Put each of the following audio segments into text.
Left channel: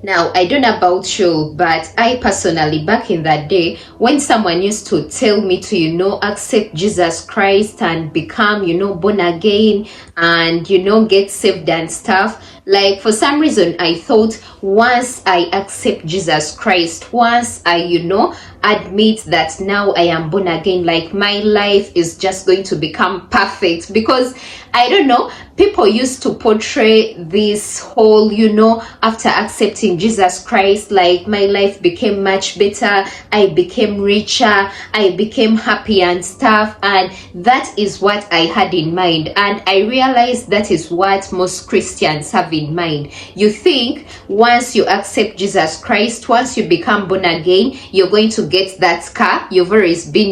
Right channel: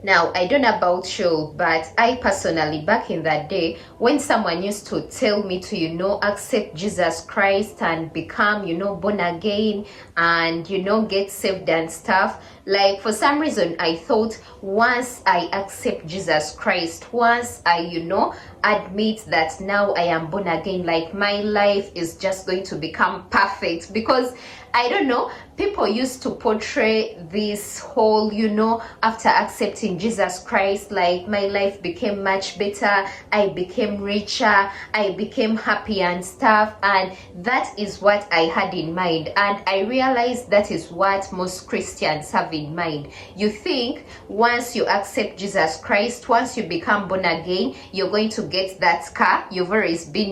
Now, I don't know about you, but I personally, back in that day, when someone used to tell me to, accept Jesus Christ and become, born again and, get saved and stuff, like for some reason, I thought once I accept Jesus Christ, once I, admit that now I am born again, like my life is just going to become perfect. Because I don't know, people used to portray this whole, after accepting Jesus Christ, like my life became much better, I became richer, I became happy and stuff. And that is what I had in mind. And I realized that is what most Christians have in mind. You think once you accept Jesus Christ, once you become born again, you're going to get that car you've always been,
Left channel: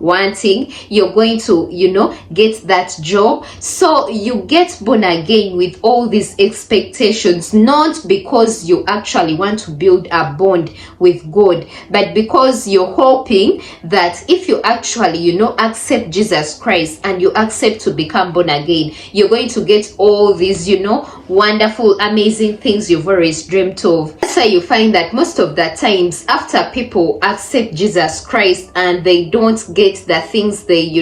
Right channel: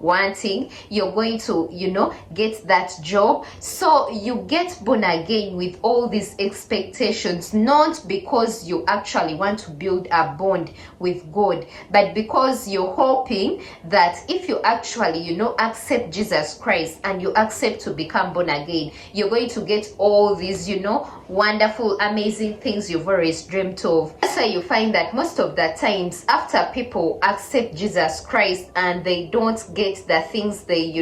wanting. You're going to, get that job. So you get born again with all these expectations, not because you actually want to build a bond with God, but because you're hoping that if you actually, accept Jesus Christ and you accept to become born again, you're going to get all these, wonderful, amazing things you've always dreamt of. That's why you find that most of the times after people accept Jesus Christ and they don't get the things they,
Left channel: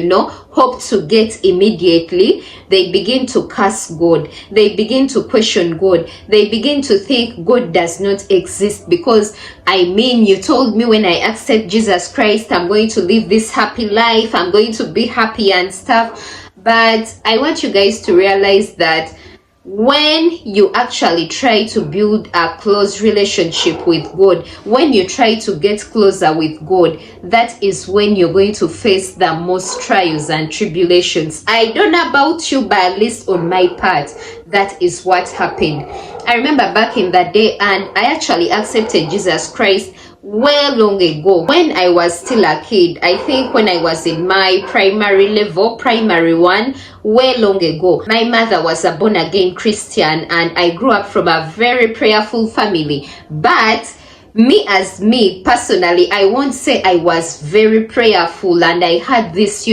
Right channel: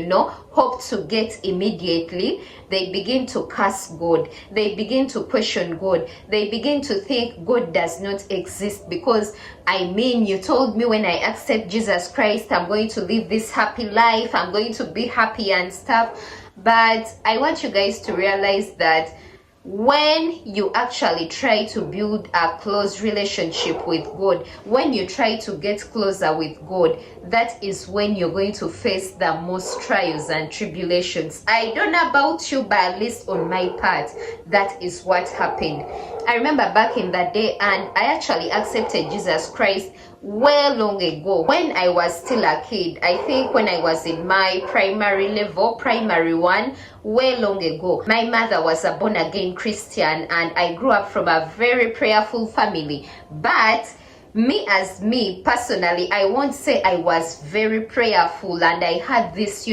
hope to get immediately, they begin to curse God. They begin to question God. They begin to think God does not exist, because you told me when I accept Jesus Christ, I'm going to live this happy life, I'm going to be happy and stuff. But I want you guys to realize that when you actually try to build a close relationship with God, when you try to get closer with God, that is when you're going to face the most trials and tribulations. I don't know about you, but at least on my part, that is what happened. I remember back in that day, and I actually accepted Jesus Christ well long ago when I was still a kid. I think when I was in my primary level, primary one, way long ago. My mother was a born again Christian, and I grew up from a very prayerful family. But me personally, I won't say I was very prayerful and I had this,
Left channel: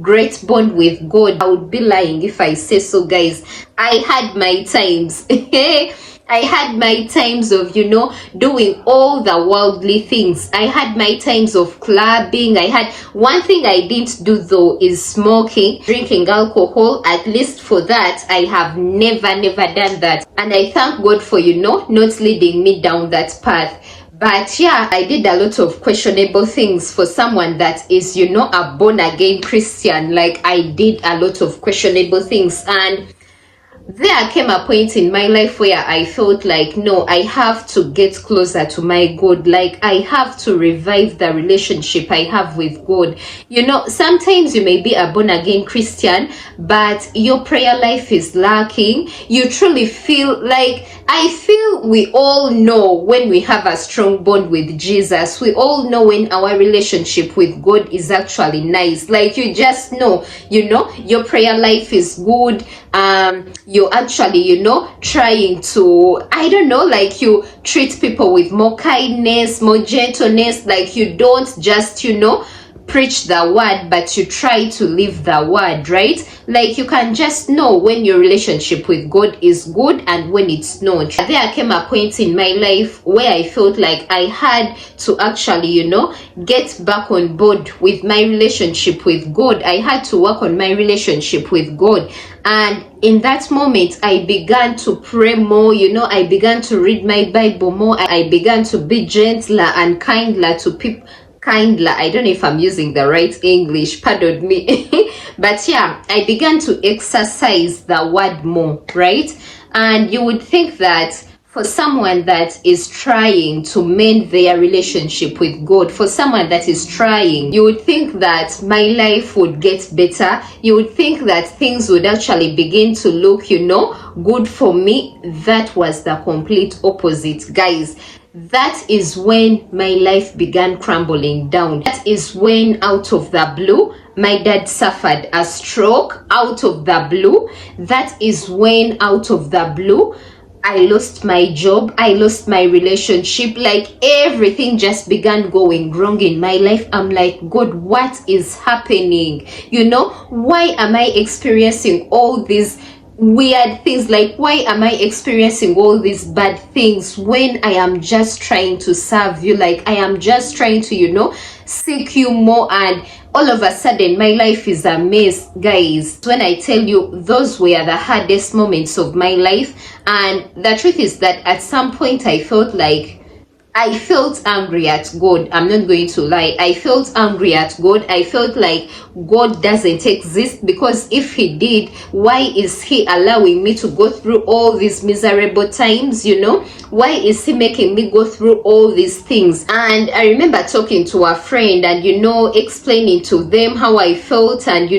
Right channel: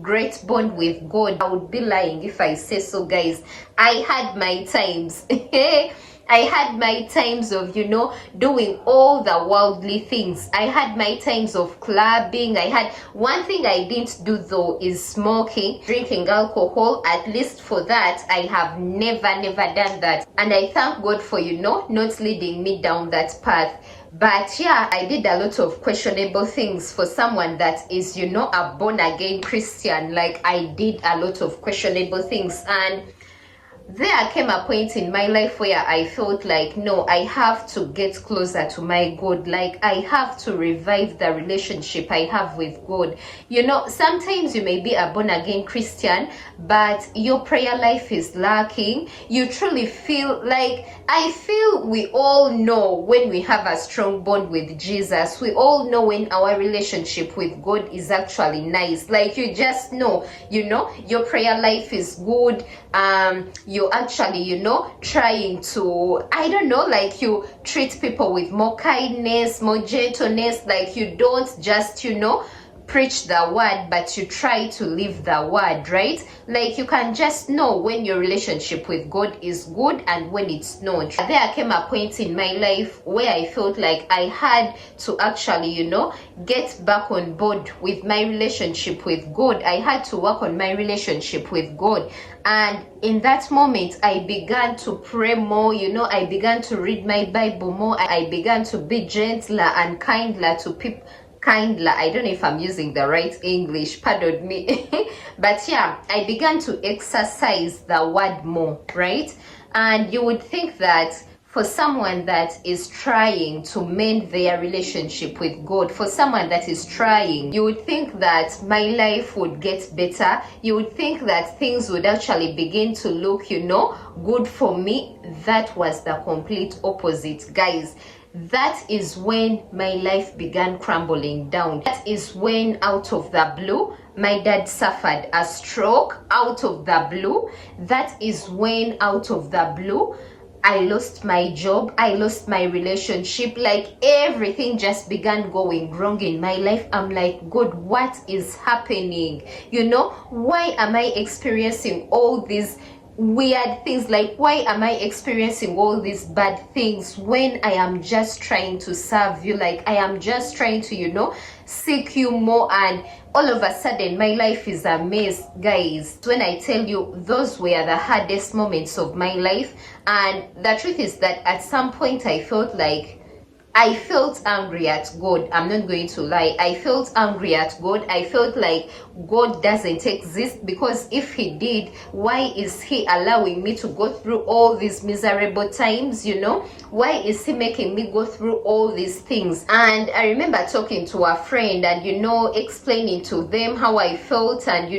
great bond with God. I would be lying if I say so, guys. I had my times. I had my times of, doing all the worldly things. I had my times of clubbing. I had one thing I didn't do though is smoking, drinking alcohol. At least for that, I have never done that. And I thank God for, not leading me down that path. But yeah, I did a lot of questionable things for someone that is, a born again Christian. Like I did a lot of questionable things, and there came a point in my life where I felt like, no, I have to get closer to my God. Like I have to revive the relationship I have with God. Sometimes you may be a born again Christian, but your prayer life is lacking. You truly feel like, I feel we all know when we have a strong bond with Jesus. We all know when our relationship with God is actually nice. Like you just know, your prayer life is good. You're actually, trying to, I don't know, like you treat people with more kindness, more gentleness. Like you don't just, preach the word, but you try to live the word, right? Like you can just know when your relationship with God is good and when it's not. There came a point in my life where I felt like I had to actually, get back on board with my relationship with God. I had to work on my relationship with God. And in that moment, I began to pray more, I began to read my Bible more. I began to be gentler and kinder to people. Kindler, I don't know if I'm using the right English, pardon me. But yeah, I began to exercise the word more, right? And you would think that for someone that is trying to mend their relationship with God, for someone that is trying, you would think that my life would get better. You would think that things would actually begin to look, good for me. That was the complete opposite, guys. That is when my life began crumbling down. That is when, out of the blue, my dad suffered a stroke. Out of the blue. That is when, out of the blue, I lost my job. I lost my relationship. Like everything just began going wrong in my life. I'm like, God, what is happening? Why am I experiencing all these weird things, like why am I experiencing all these bad things when I am just trying to serve you, like I am just trying to, seek you more, and all of a sudden my life is a mess. Guys, when I tell you, those were the hardest moments of my life. And the truth is that at some point I felt angry at God. I'm not going to lie. I felt angry at God. I felt like God doesn't exist, because if he did, why is he allowing me to go through all these miserable times, Why is he making me go through all these things? And I remember talking to a friend and, explaining to them how I felt, and,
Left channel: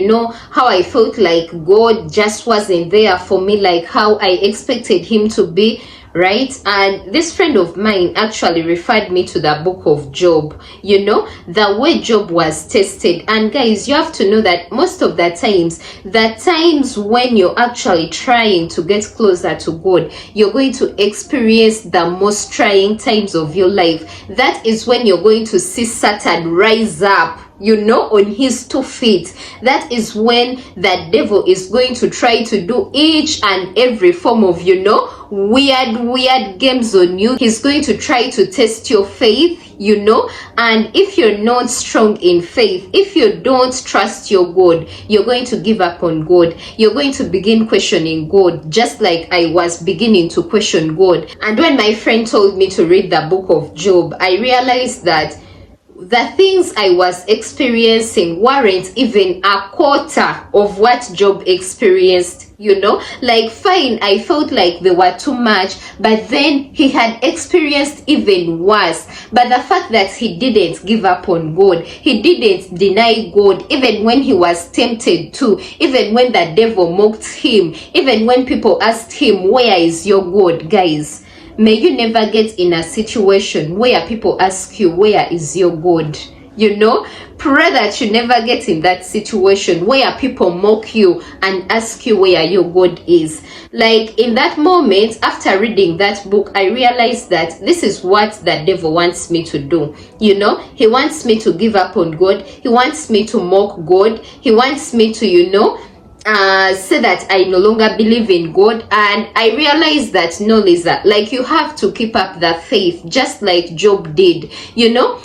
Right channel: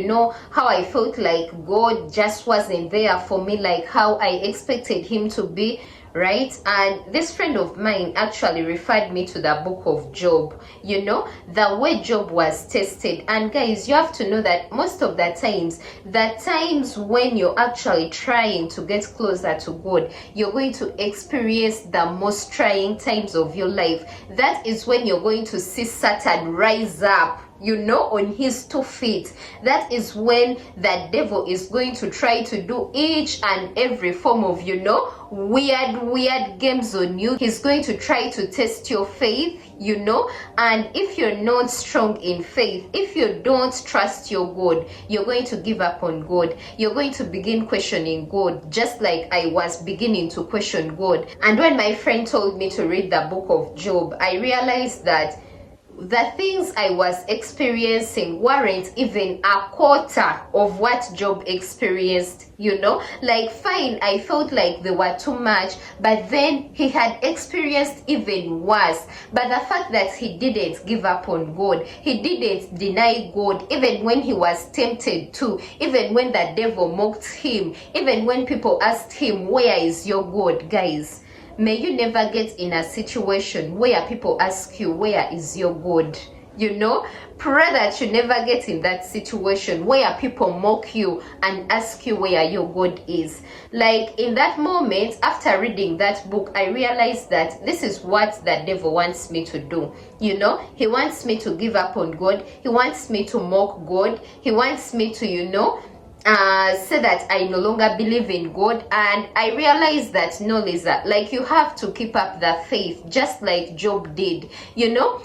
how I felt like God just wasn't there for me, like how I expected him to be. Right? And this friend of mine actually referred me to the book of Job, the way Job was tested. And guys, you have to know that most of the times when you're actually trying to get closer to God, you're going to experience the most trying times of your life. That is when you're going to see Satan rise up, on his 2 feet. That is when the devil is going to try to do each and every form of, weird games on you. He's going to try to test your faith, and if you're not strong in faith, if you don't trust your God, you're going to give up on God. You're going to begin questioning God, just like I was beginning to question God. And when my friend told me to read the book of Job, I realized that the things I was experiencing weren't even a quarter of what Job experienced, like fine, I felt like they were too much, but then he had experienced even worse. But the fact that he didn't give up on God, he didn't deny God, even when he was tempted to, even when the devil mocked him, even when people asked him, where is your God? Guys, may you never get in a situation where people ask you, where is your God? Pray that you never get in that situation where people mock you and ask you where your God is. Like in that moment, after reading that book, I realized that this is what the devil wants me to do. He wants me to give up on God. He wants me to mock God. He wants me to, say that I no longer believe in God. And I realized that no, Lisa, like you have to keep up the faith, just like Job did.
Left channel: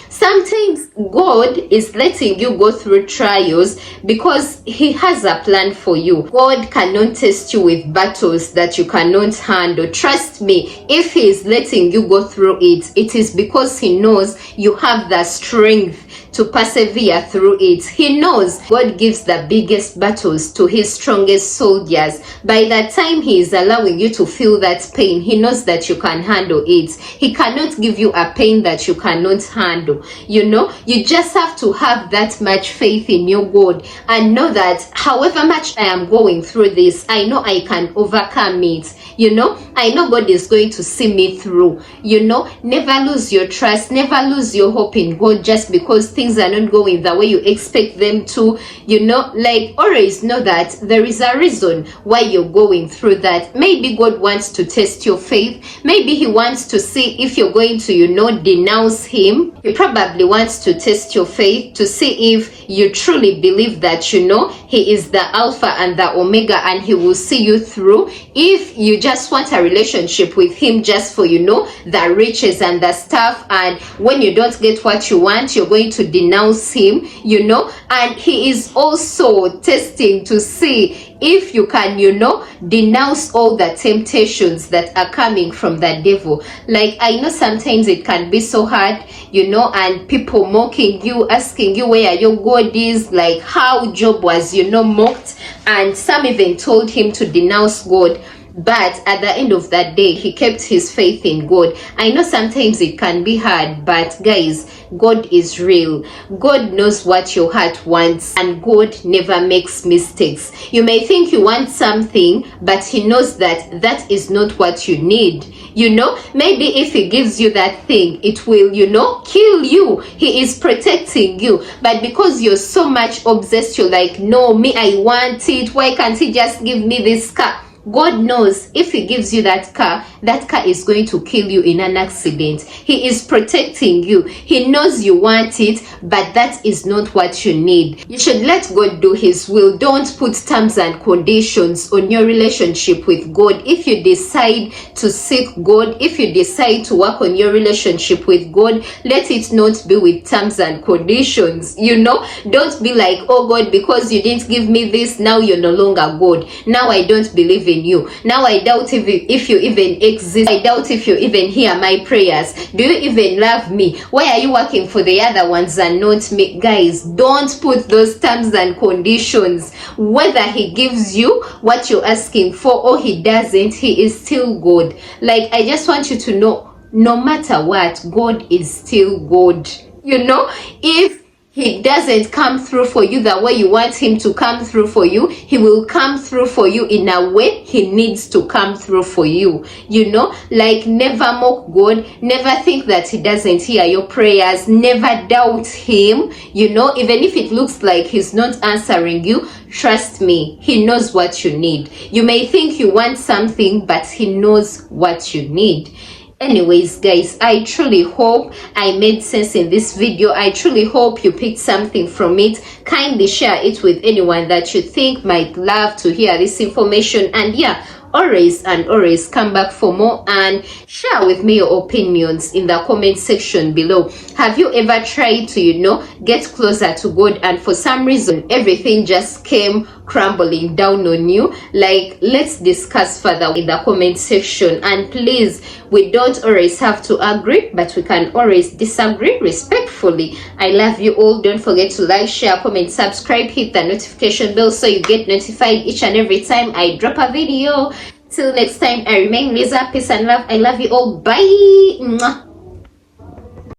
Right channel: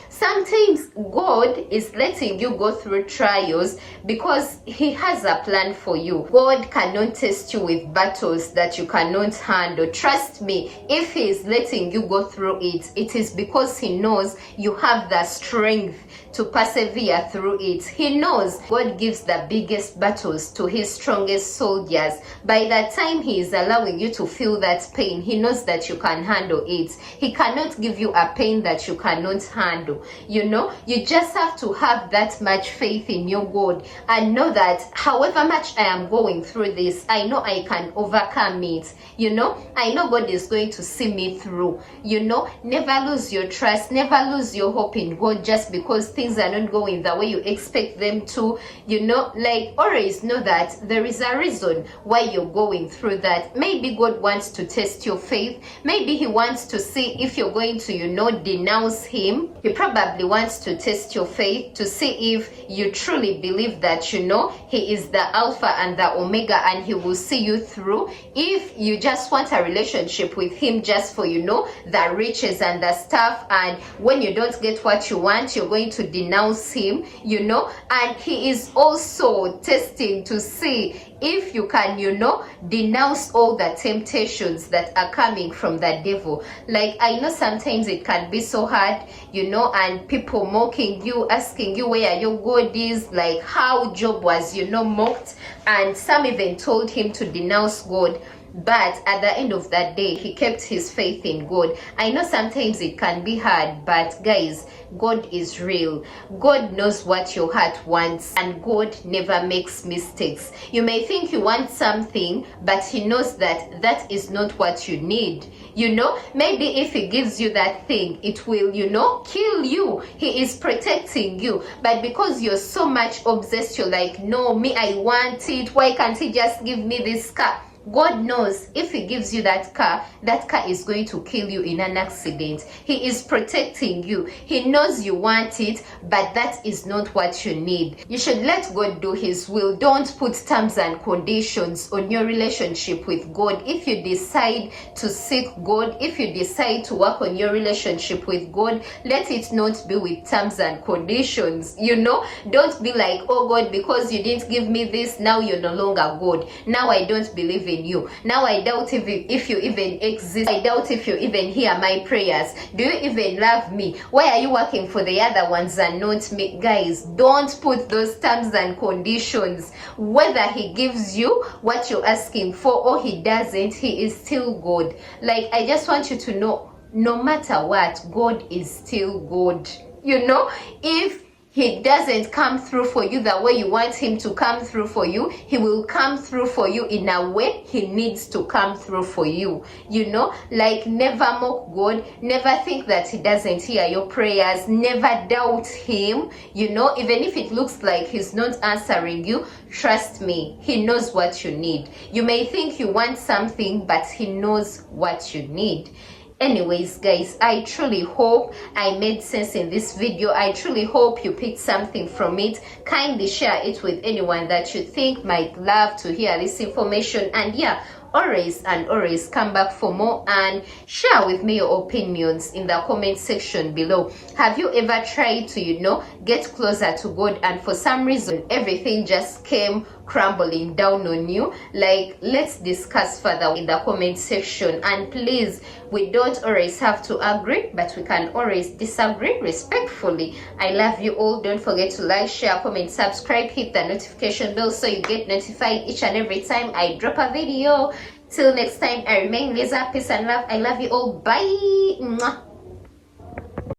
Sometimes God is letting you go through trials because he has a plan for you. God cannot test you with battles that you cannot handle. Trust me, if he is letting you go through it, it is because he knows you have the strength to persevere through it. He knows God gives the biggest battles to his strongest soldiers. By the time he is allowing you to feel that pain, he knows that you can handle it. He cannot give you a pain that you cannot handle. You just have to have that much faith in your God and know that however much I am going through this, I know I can overcome it. I know God is going to see me through. Never lose your trust, never lose your hope in God just because things are not going the way you expect them to. Like always know that there is a reason why you're going through that. Maybe God wants to test your faith. Maybe he wants to see if you're going to, denounce him. He probably wants to test your faith to see if you truly believe that, he is the Alpha and the Omega and he will see you through. If you just want a relationship with him just for, the riches and the stuff, and when you don't get what you want, you're going to denounce him, and he is also testing to see if you can, denounce all the temptations that are coming from the devil. Like I know sometimes it can be so hard, and people mocking you, asking you where your God is, like how Job was, mocked, and some even told him to denounce God. But at the end of that day, he kept his faith in God. I know sometimes it can be hard, but guys, God is real. God knows what your heart wants, and God never makes mistakes. You may think you want something, but he knows that that is not what you need. Maybe if he gives you that thing, it will, kill you. He is protecting you. But because you're so much obsessed, you're like, no, me, I want it. Why can't he just give me this car? God knows if he gives you that car is going to kill you in an accident. He is protecting you. He knows you want it, but that is not what you need. You should let God do his will. Don't put terms and conditions on your relationship with God. If you decide to seek God, if you decide to work on your relationship with God, let it not be with terms and conditions. Don't be like, oh God, because you didn't give me this, now you're no longer God. Now I don't believe in you. Now I doubt if you even exist. I doubt if you even hear my prayers. Do you even love me? Why are you working for the other ones and not me? Guys, don't put those terms and conditions. Whether he gives you what you're asking for or he doesn't, he is still God. Like, I just want you to know, no matter what, God is still God. If he doesn't come through for you the way you want him to come through for you, he will come through for you in a way he needs to come through for you. Like, never mock God. Never think that he doesn't hear your prayers. Never doubt him. Even if it looks like he's not answering you, trust me, he knows what you need. You may think you want something, but he knows what you need. Anyways, guys, I truly hope I made sense in this video. I truly hope you picked something from it. Kindly share it with anyone that you think might love to hear this information. And yeah, always come back for more and share with me your opinions in the comment section below. Have you ever tried to get closer to God, and for some reason everything just came crumbling down on you? Like, let's discuss further in the comment section. And please, we don't always have to agree, but we can always disagree respectfully. I love you all. Don't forget to like, share, comment, subscribe, hit the notification bell so you get notified each and every time I drop a video. Till next time, I remain Lisa. Peace and love. I love you all. Bye. Mwah.